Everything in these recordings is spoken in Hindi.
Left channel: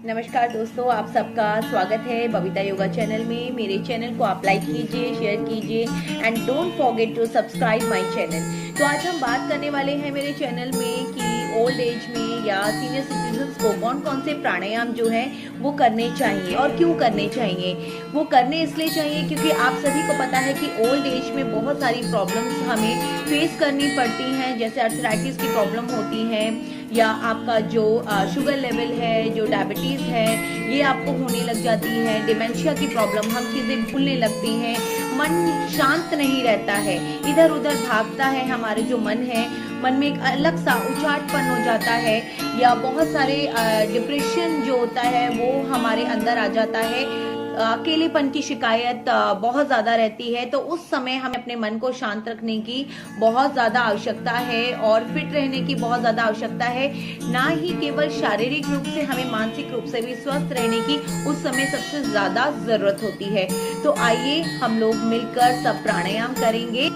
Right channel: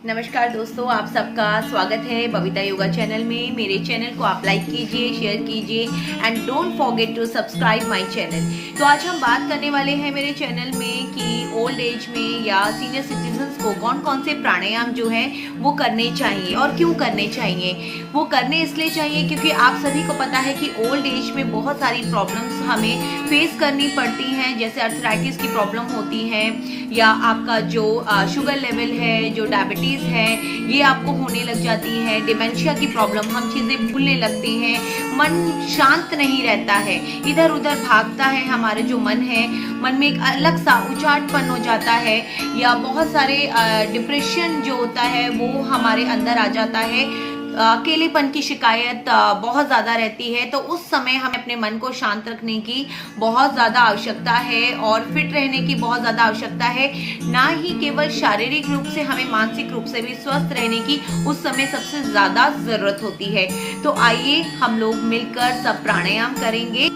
नमस्कार दोस्तों, आप सबका स्वागत है बबीता योगा चैनल में। मेरे चैनल को आप लाइक कीजिए, शेयर कीजिए and don't forget to subscribe my channel. तो आज हम बात करने वाले हैं मेरे चैनल में कि ओल्ड एज में या सीनियर सिटीजन्स को कौन कौन से प्राणायाम जो है वो करने चाहिए और क्यों करने चाहिए। वो करने इसलिए चाहिए क्योंकि आप सभी को पता है कि ओल्ड एज में बहुत सारी प्रॉब्लम्स हमें फेस करनी पड़ती हैं, जैसे अर्थराइटिस की प्रॉब्लम होती है या आपका जो शुगर लेवल है, जो डायबिटीज़ है, ये आपको होने लग जाती है। डिमेंशिया की प्रॉब्लम, हम चीज़ें भूलने लगते हैं, मन शांत नहीं रहता है, इधर उधर भागता है। हमारे जो मन है, मन में एक अलग सा उचाटपन हो जाता है या बहुत सारे डिप्रेशन जो होता है वो हमारे अंदर आ जाता है। अकेलेपन की शिकायत बहुत ज़्यादा रहती है। तो उस समय हमें अपने मन को शांत रखने की बहुत ज़्यादा आवश्यकता है और फिट रहने की बहुत ज़्यादा आवश्यकता है। ना ही केवल शारीरिक रूप से, हमें मानसिक रूप से भी स्वस्थ रहने की उस समय सबसे ज़्यादा ज़रूरत होती है। तो आइए हम लोग मिलकर सब प्राणायाम करेंगे।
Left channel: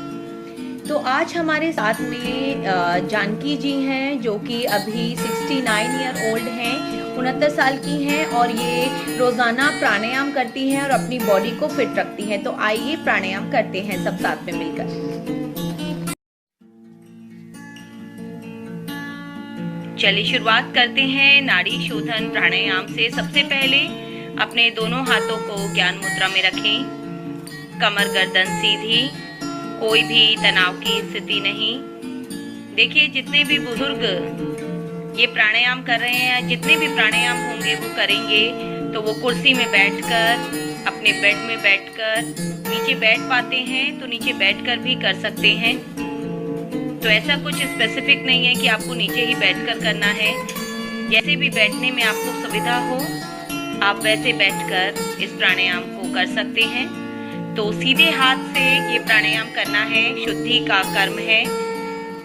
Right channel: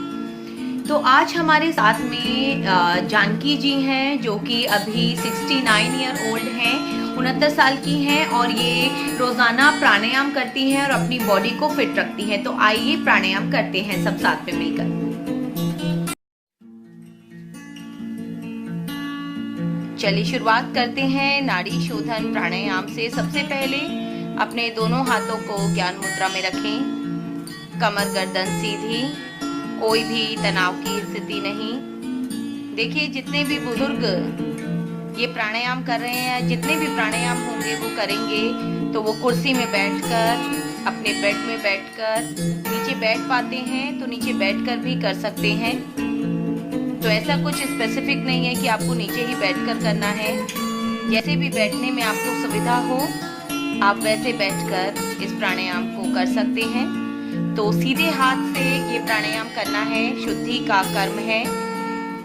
तो आज हमारे साथ में जानकी जी हैं, जो कि अभी 69 ईयर ओल्ड हैं, 69 साल की हैं और ये रोजाना प्राणायाम करती हैं और अपनी बॉडी को फिट रखती हैं। तो आइए प्राणायाम करते हैं सब साथ में मिलकर। चलिए शुरुआत करते हैं नाड़ी शोधन प्राणायाम से। सबसे पहले अपने दोनों हाथों को ज्ञान मुद्रा में रखें, कमर गर्दन सीधी, कोई भी तनाव की स्थिति नहीं। देखिए, जितने भी बुजुर्ग ये प्राणायाम कर रहे हैं, जितने भी प्राणायाम होंगे वो करेंगे तो वो कुर्सी में बैठकर, अपने बेड में बैठकर, नीचे बैठ पाते हैं तो नीचे बैठकर भी कर सकते हैं। तो ऐसा कुछ स्पेसिफिक नहीं है कि आपको नीचे ही बैठकर करना है। जैसे भी बैठने में आपको सुविधा हो, आप वैसे बैठकर इस प्राणायाम को कर सकते हैं। तो सीधे हाथ से ये प्राणायाम करना है, शुद्धि का कर्म है।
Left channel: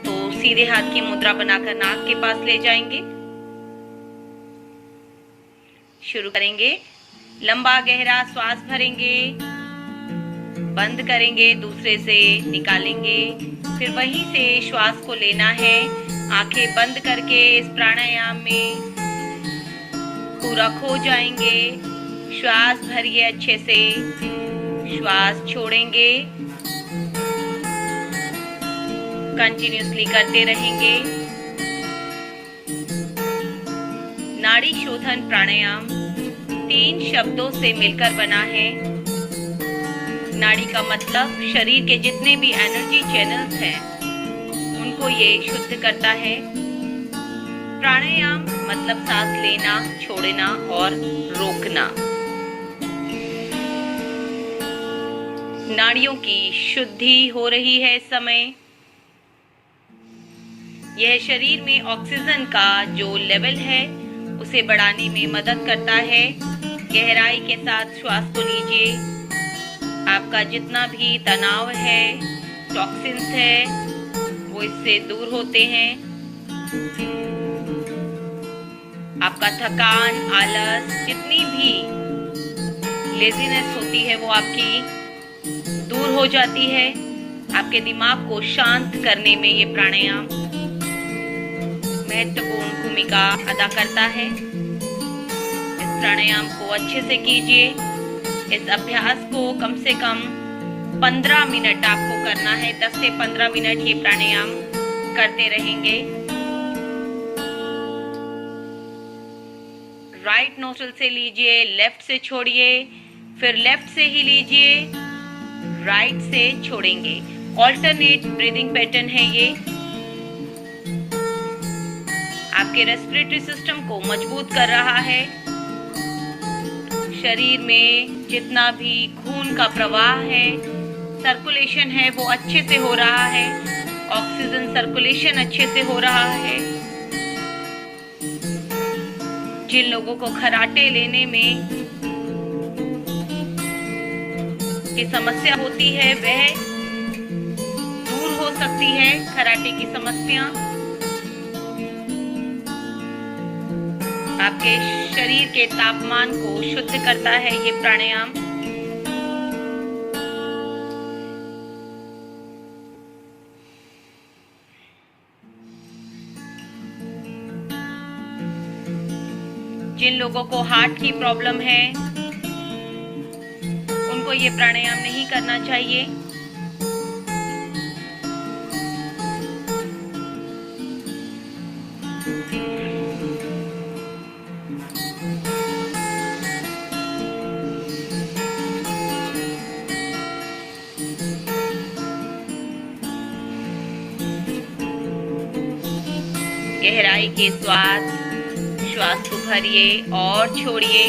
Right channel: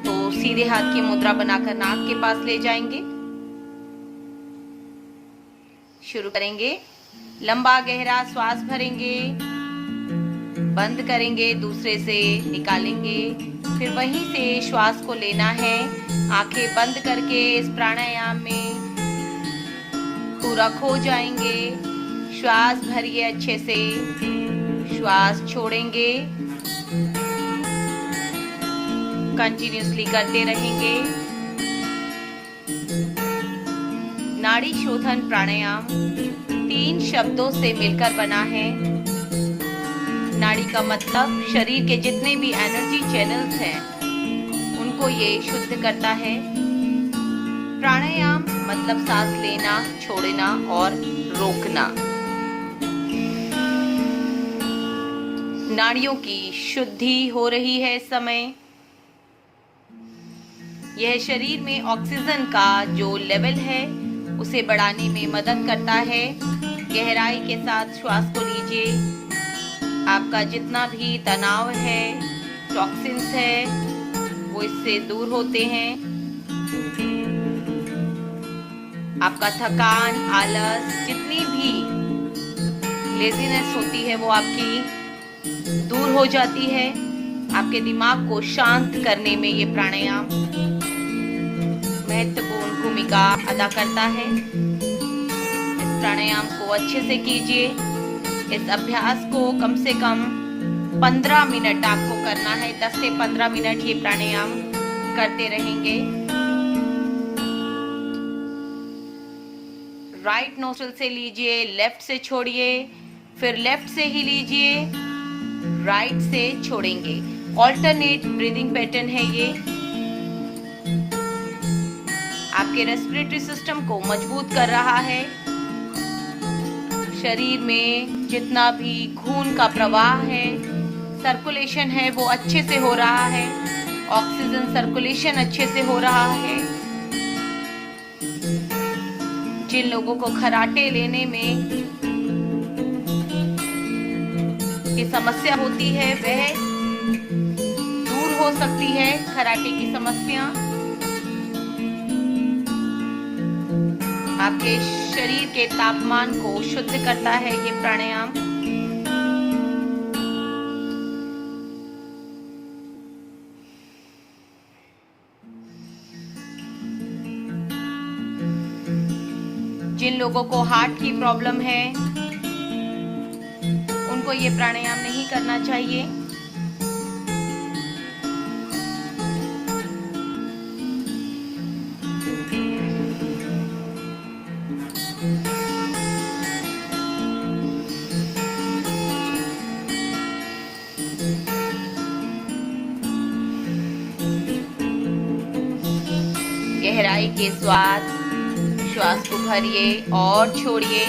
तो सीधे हाथ की मुद्रा बनाकर नाक के पास ले जाएंगे, शुरू करेंगे। लंबा गहरा श्वास भरेंगे, बंद करेंगे, दूसरे से निकालेंगे, फिर वहीं से श्वास को लेना है। आंखें बंद करके इस प्राणायाम में पूरा खो जाएंगे। श्वास भरिए अच्छे से, श्वास छोड़ेंगे, कंटिन्यूसली करते रहेंगे। नाड़ी शोधन प्राणायाम 3 शब्दों से मिलकर बना है। नाड़ी का मतलब शरीर के जितने भी एनर्जी चैनल्स हैं उनको ये शुद्ध करता है। प्राणायाम मतलब सांस लेना, छोड़ना और रोकना। नाड़ियों की शुद्धि हो रही है इस समय। यह शरीर में ऑक्सीजन का जो लेवल है उसे बढ़ाने में मदद करता है। गहराई के साथ श्वास को लीजिए। आपका जितना भी तनाव है, टॉक्सिन्स है, वो इससे दूर होते हैं। आपका थकान, आलस, जितनी भी लेजीनेस होती है वो आपकी दूर हो जाती है। आपके दिमाग को शांत करने में ये प्राणायाम महत्वपूर्ण भूमिका अदा करता है। इस प्राणायाम को अच्छे से कीजिए। इस अभ्यास को कम से कम 15 मिनट आपको करना है। 10 से 15 मिनट ये प्राणायाम करते रहेंगे। राइट नोस्ट्रिल से लीजिए, लेफ्ट से छोड़िए, फिर लेफ्ट से ही लीजिए, राइट से छोड़ेंगे। ऑल्टरनेट ब्रीदिंग पैटर्न है ये। आपके रेस्पिरेटरी सिस्टम को मजबूत कर रहा है। शरीर में जितना भी खून का प्रवाह है, सर्कुलेशन है, वो अच्छे से हो रहा है। ऑक्सीजन सर्कुलेशन अच्छे से हो रहा है। जिन लोगों को खर्राटे लेने में की समस्या होती है वह दूर हो सकती है। खर्राटे की समस्या आपके शरीर के तापमान को शुद्ध करता है ये प्राणायाम। जिन लोगों को हार्ट की प्रॉब्लम है उनको ये प्राणायाम नहीं करना चाहिए। गहराई के श्वास को भरिए और छोड़िए।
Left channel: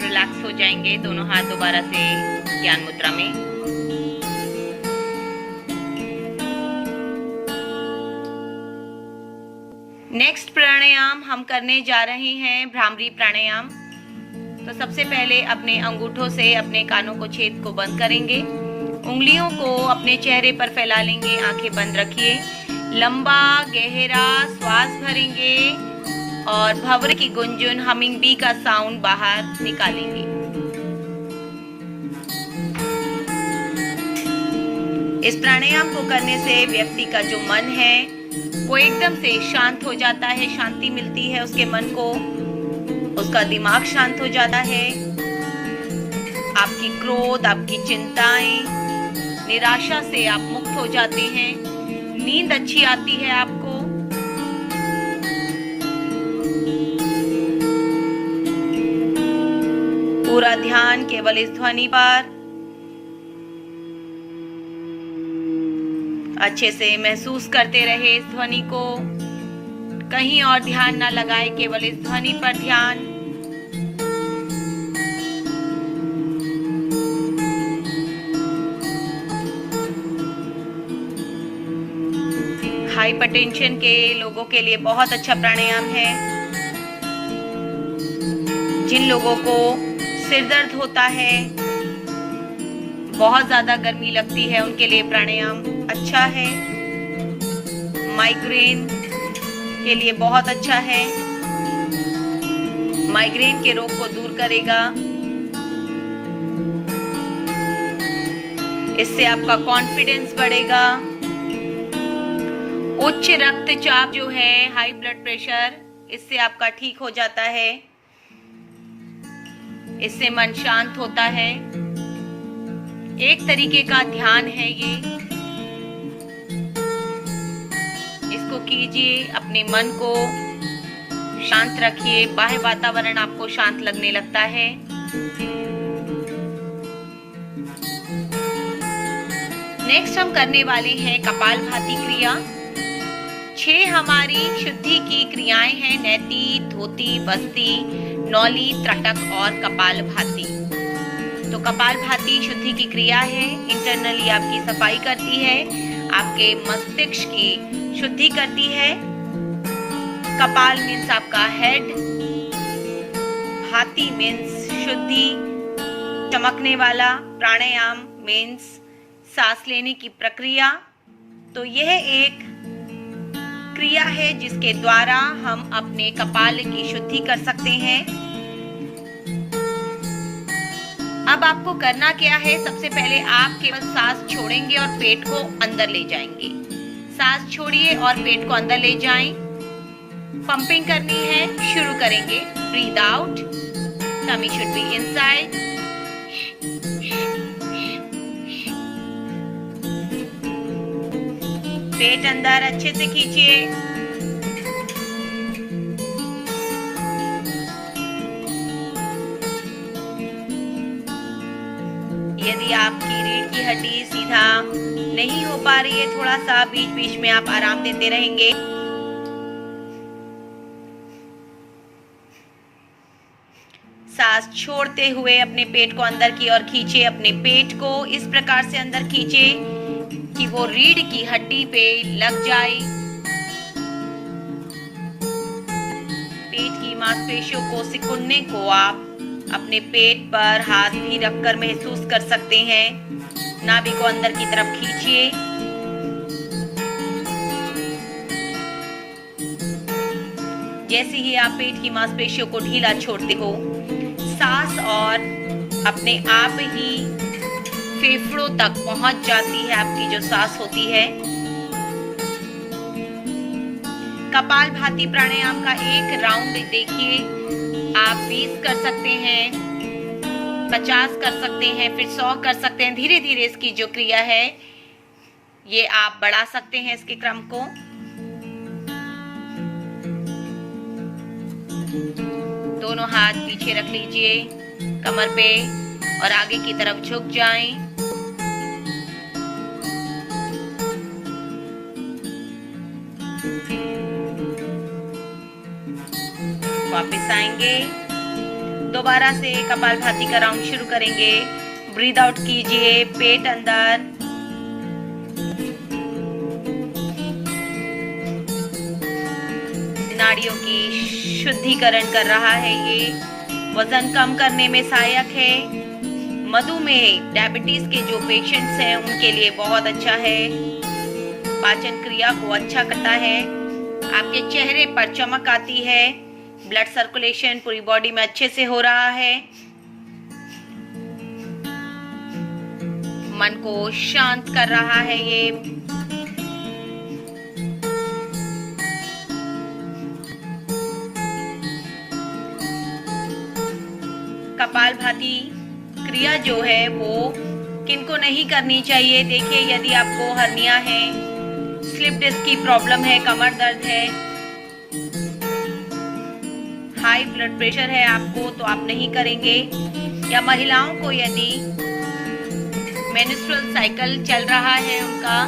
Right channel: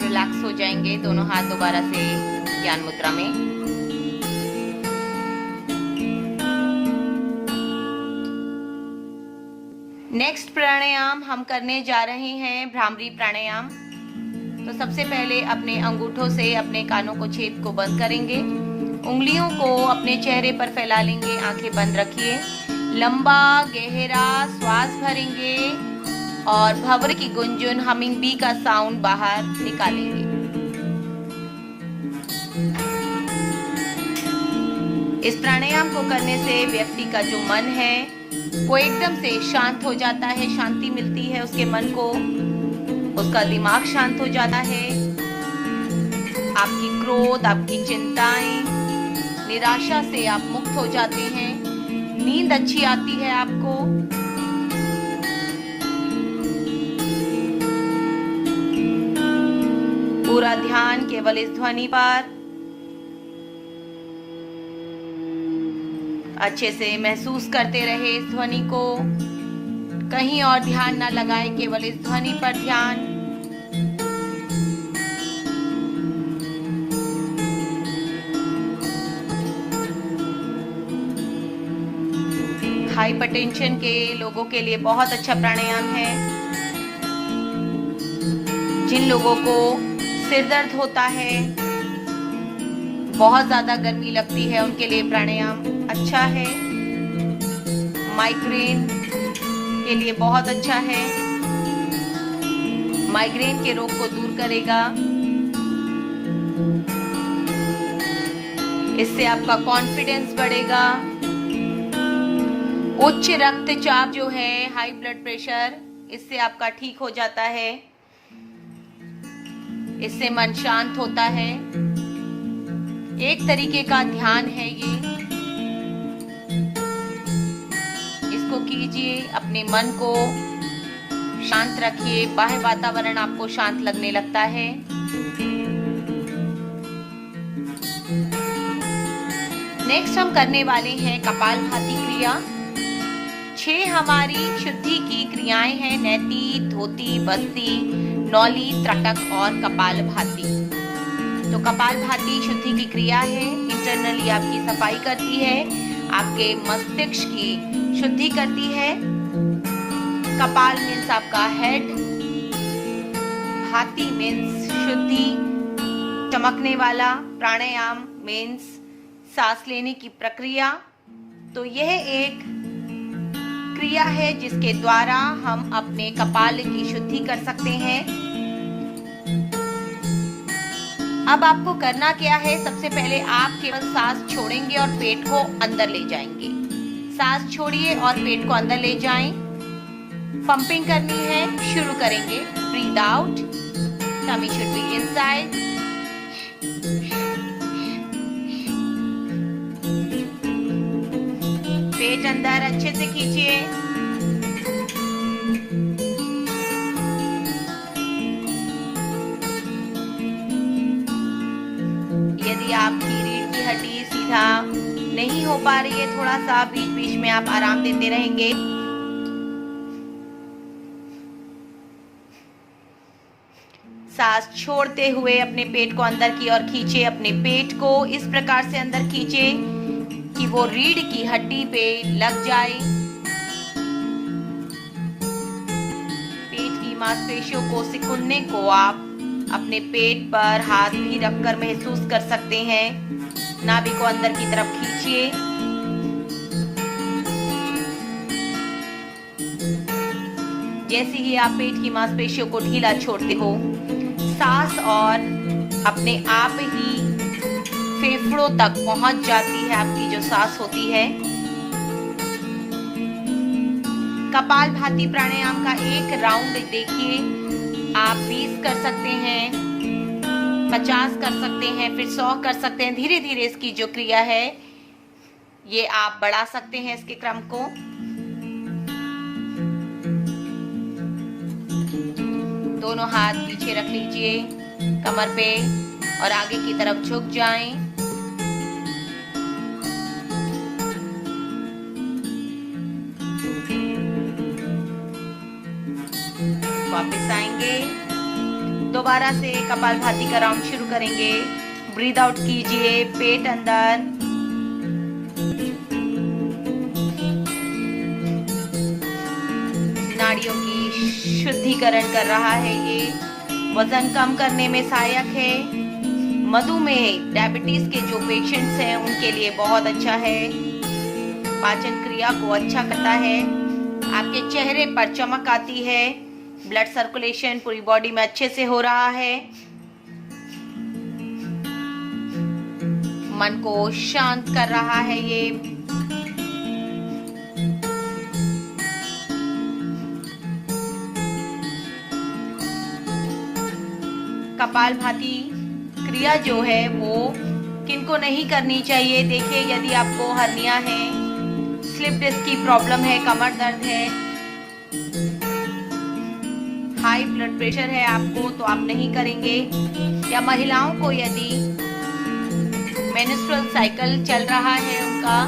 रिलैक्स हो जाएंगे। दोनों हाथ दोबारा से ज्ञान मुद्रा में। नेक्स्ट प्राणायाम हम करने जा रहे हैं भ्रामरी प्राणायाम। तो सबसे पहले अपने अंगूठों से अपने कानों को छेद को बंद करेंगे। उंगलियों को अपने चेहरे पर फैला लेंगे। आंखें बंद रखिए। लंबा गहरा श्वास भरेंगे और भंवरे की गुंजन हमिंग बी का साउंड बाहर निकालेंगे। इस प्राणायाम को करने से व्यक्ति का जो मन है वो एकदम से शांत हो जाता है, शांति मिलती है उसके मन को, उसका दिमाग शांत हो जाता है। आपकी क्रोध, आपकी चिंताएं, निराशा से आप मुक्त हो जाते हैं। नींद अच्छी आती है आपको। पूरा ध्यान केवल इस ध्वनि पर। अच्छे से महसूस करते रहे इस ध्वनि को। कहीं और ध्यान ना लगाएं, केवल इस ध्वनि पर ध्यान। हाइपरटेंशन के लोगों के लिए बहुत अच्छा प्राणायाम है। जिन लोगों को सिर दर्द होता है, बहुत ज्यादा गर्मी लगती है, उनके लिए प्राणायाम अच्छा है। माइग्रेन के लिए बहुत अच्छा है। माइग्रेन के रोग को दूर करेगा। इससे आपका कॉन्फिडेंस बढ़ेगा। उच्च रक्तचाप जो है, हाई ब्लड प्रेशर, इससे आपका ठीक हो जाता है। इससे मन शांत होता है। एक तरीके का ध्यान है ये। इसको कीजिए, अपने मन को शांत रखिए। बाह्य वातावरण आपको शांत लगने लगता है। नेक्स्ट हम करने वाले हैं कपालभाति क्रिया। 6 हमारी शुद्धि की क्रियाएं हैं। नैति, धोती, बस्ती, नौली, त्रटक और कपालभाति। तो कपालभाति शुद्धि की क्रिया है। इंटरनली आपकी सफाई करती है, आपके मस्तिष्क की शुद्धि करती है। कपाल मीन्स आपका हेड, भाति मीन्स शुद्धि, चमकने वाला। प्राणायाम मीन्स सांस लेने की प्रक्रिया। तो यह एक क्रिया है जिसके द्वारा हम अपने कपाल की शुद्धि कर सकते हैं। अब आपको करना क्या है? सबसे पहले आप केवल सांस छोड़ेंगे और पेट को अंदर ले जाएंगे। सांस छोड़िए और पेट को अंदर ले जाएं। पंपिंग करनी है। शुरू करेंगे। Breathe out, tummy should be inside. पेट अंदर अच्छे से खींचिए। यदि आपकी रीढ़ की हड्डी सीधा नहीं हो पा रही है, थोड़ा सा बीच बीच में आप आराम देते रहेंगे। सांस छोड़ते हुए अपने पेट को अंदर की ओर खींचे। अपने पेट को इस प्रकार से अंदर खींचे कि वो रीढ़ की हड्डी पे लग जाए। पेट की मांसपेशियों को सिकुड़ने को आप अपने पेट पर हाथ भी रखकर महसूस कर सकते हैं। नाभि को अंदर की तरफ खींचिए। जैसे ही आप पेट की मांसपेशियों को ढीला छोड़ते हो, सांस और अपने आप ही फेफड़ों तक पहुंच जाती है आपकी जो सांस होती है। कपालभाति प्राणायाम का एक राउंड देखिए, आप 20 कर सकते हैं, 50 कर सकते हैं, फिर 100 कर सकते हैं। धीरे धीरे इसकी जो क्रिया है ये आप बढ़ा सकते हैं इसके क्रम को। दोनों हाथ पीछे रख लीजिए कमर पे और आगे की तरफ झुक जाएं। वापस आएंगे, दोबारा से कपालभाति का राउंड शुरू करेंगे। ब्रीद आउट कीजिए, पेट अंदर, नाड़ियों की शुद्धिकरण कर रहा है। ये वजन कम करने में सहायक है। मधुमेह, डायबिटीज के जो पेशेंट्स हैं उनके लिए बहुत अच्छा है। पाचन क्रिया को अच्छा करता है, आपके चेहरे पर चमक आती है, ब्लड सर्कुलेशन पूरी बॉडी में अच्छे से हो रहा है, मन को शांत कर रहा है ये। कपालभाति क्रिया जो है वो किनको नहीं करनी चाहिए। देखिए, यदि आपको हर्निया है, स्लिप डिस्क की प्रॉब्लम है, कमर दर्द है, हाई ब्लड प्रेशर है आपको, तो आप नहीं करेंगे। या महिलाओं को यदि मेंस्ट्रुअल साइकिल चल रहा है उनका,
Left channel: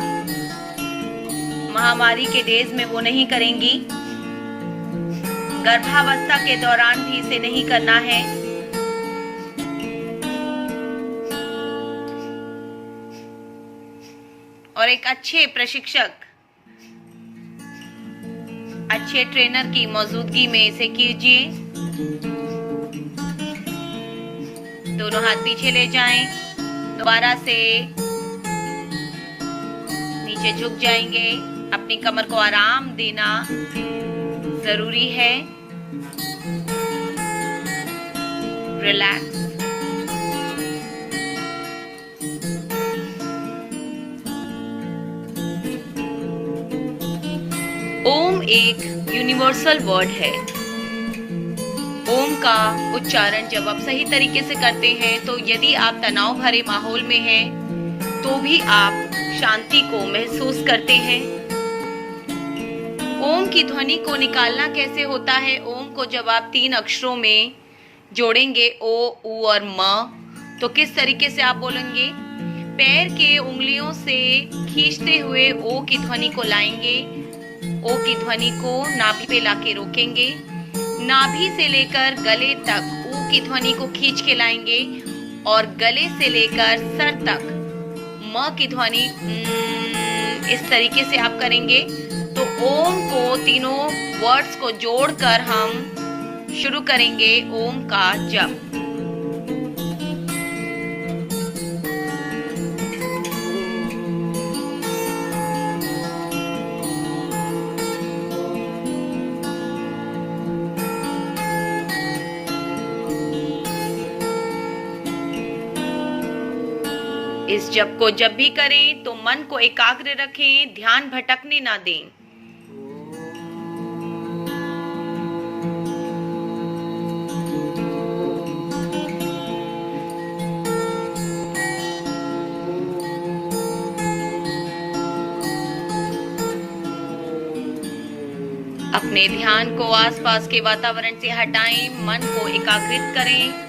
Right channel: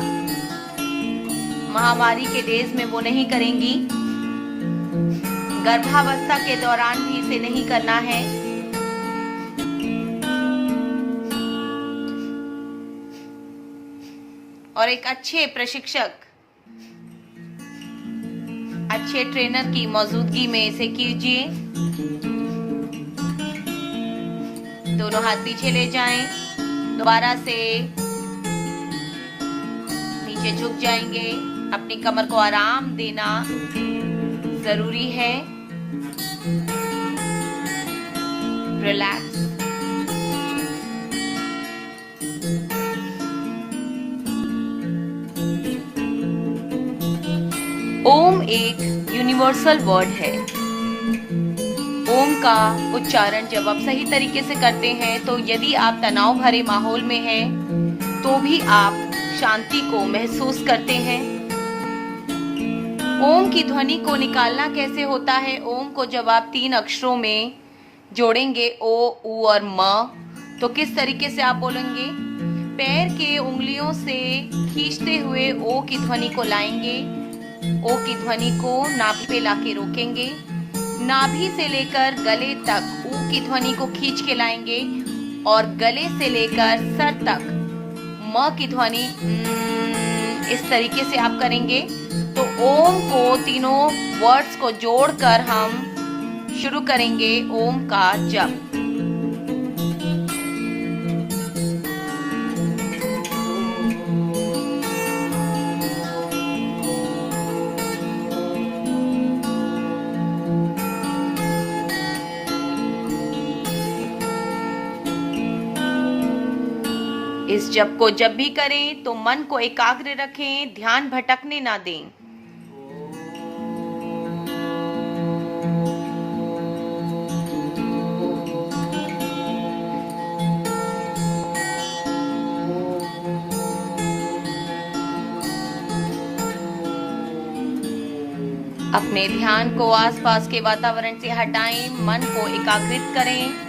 महामारी के डेज में वो नहीं करेंगी। गर्भावस्था के दौरान भी इसे नहीं करना है। और एक अच्छे प्रशिक्षक, अच्छे ट्रेनर की मौजूदगी में इसे कीजिए। दोनों हाथ पीछे ले जाएं, दोबारा से नीचे झुक जाएंगे। अपनी कमर को आराम देना जरूरी है। रिलैक्स। ओम एक यूनिवर्सल वर्ड है। ओम का उच्चारण जब आप सही तरीके से करते हैं, तो यदि आप तनाव भरे माहौल में हैं, तो भी आप शांति को महसूस करते हैं। ओम की ध्वनि को निकालना कैसे होता है? ओम को जब आप 3 अक्षरों में जोड़ेंगे, ओ, उ और म, तो किस तरीके से आप बोलेंगे? पैर के उंगलियों से खींचते हुए ओ की ध्वनि को लाएंगे। ओ की ध्वनि को नाभि पे लाके रोकेंगे। नाभि से लेकर गले तक ऊ की ध्वनि को खींच के लाएंगे और गले से लेकर सर तक म की ध्वनि इस तरीके से आप करेंगे। तो ओम को तीनों वर्ड्स को जोड़कर हम शुरू करेंगे ओम का जप। इस जप को जब भी करें तो मन को एकाग्र रखें, ध्यान भटकने ना दें। अपने ध्यान को आसपास के वातावरण से हटाएं, मन को एकाग्रित करें।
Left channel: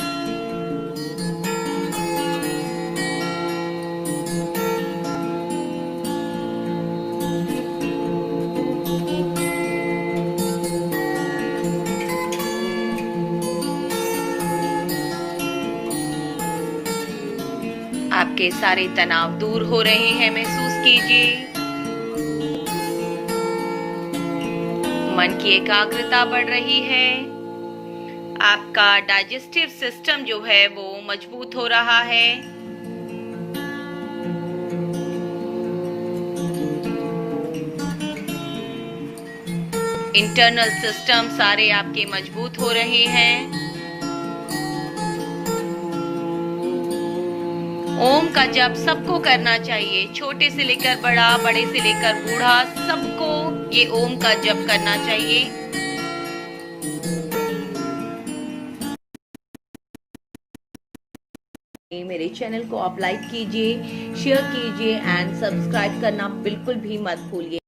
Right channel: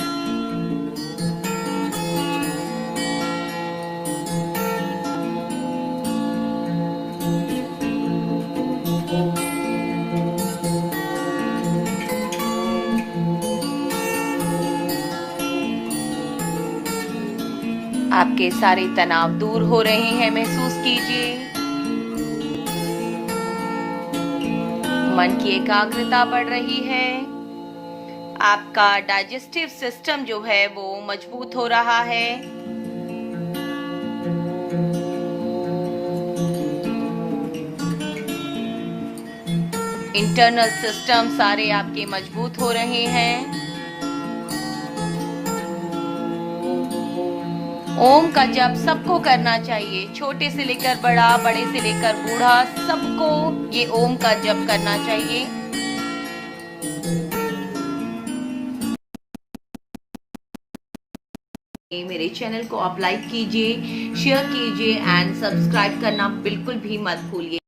आपके सारे तनाव दूर हो रहे हैं, महसूस कीजिए। मन की एकाग्रता बढ़ रही है। आपका डाइजेस्टिव सिस्टम जो है वो मजबूत हो रहा है। इंटरनल सिस्टम सारे आपके मजबूत हो रहे हैं। ओम का जप सबको करना चाहिए, छोटे से लेकर बड़ा, बड़े से लेकर बूढ़ा, सबको ये ओम का जप करना चाहिए। मेरे चैनल को आप लाइक कीजिए, शेयर कीजिए एंड सब्सक्राइब करना बिल्कुल भी मत भूलिए।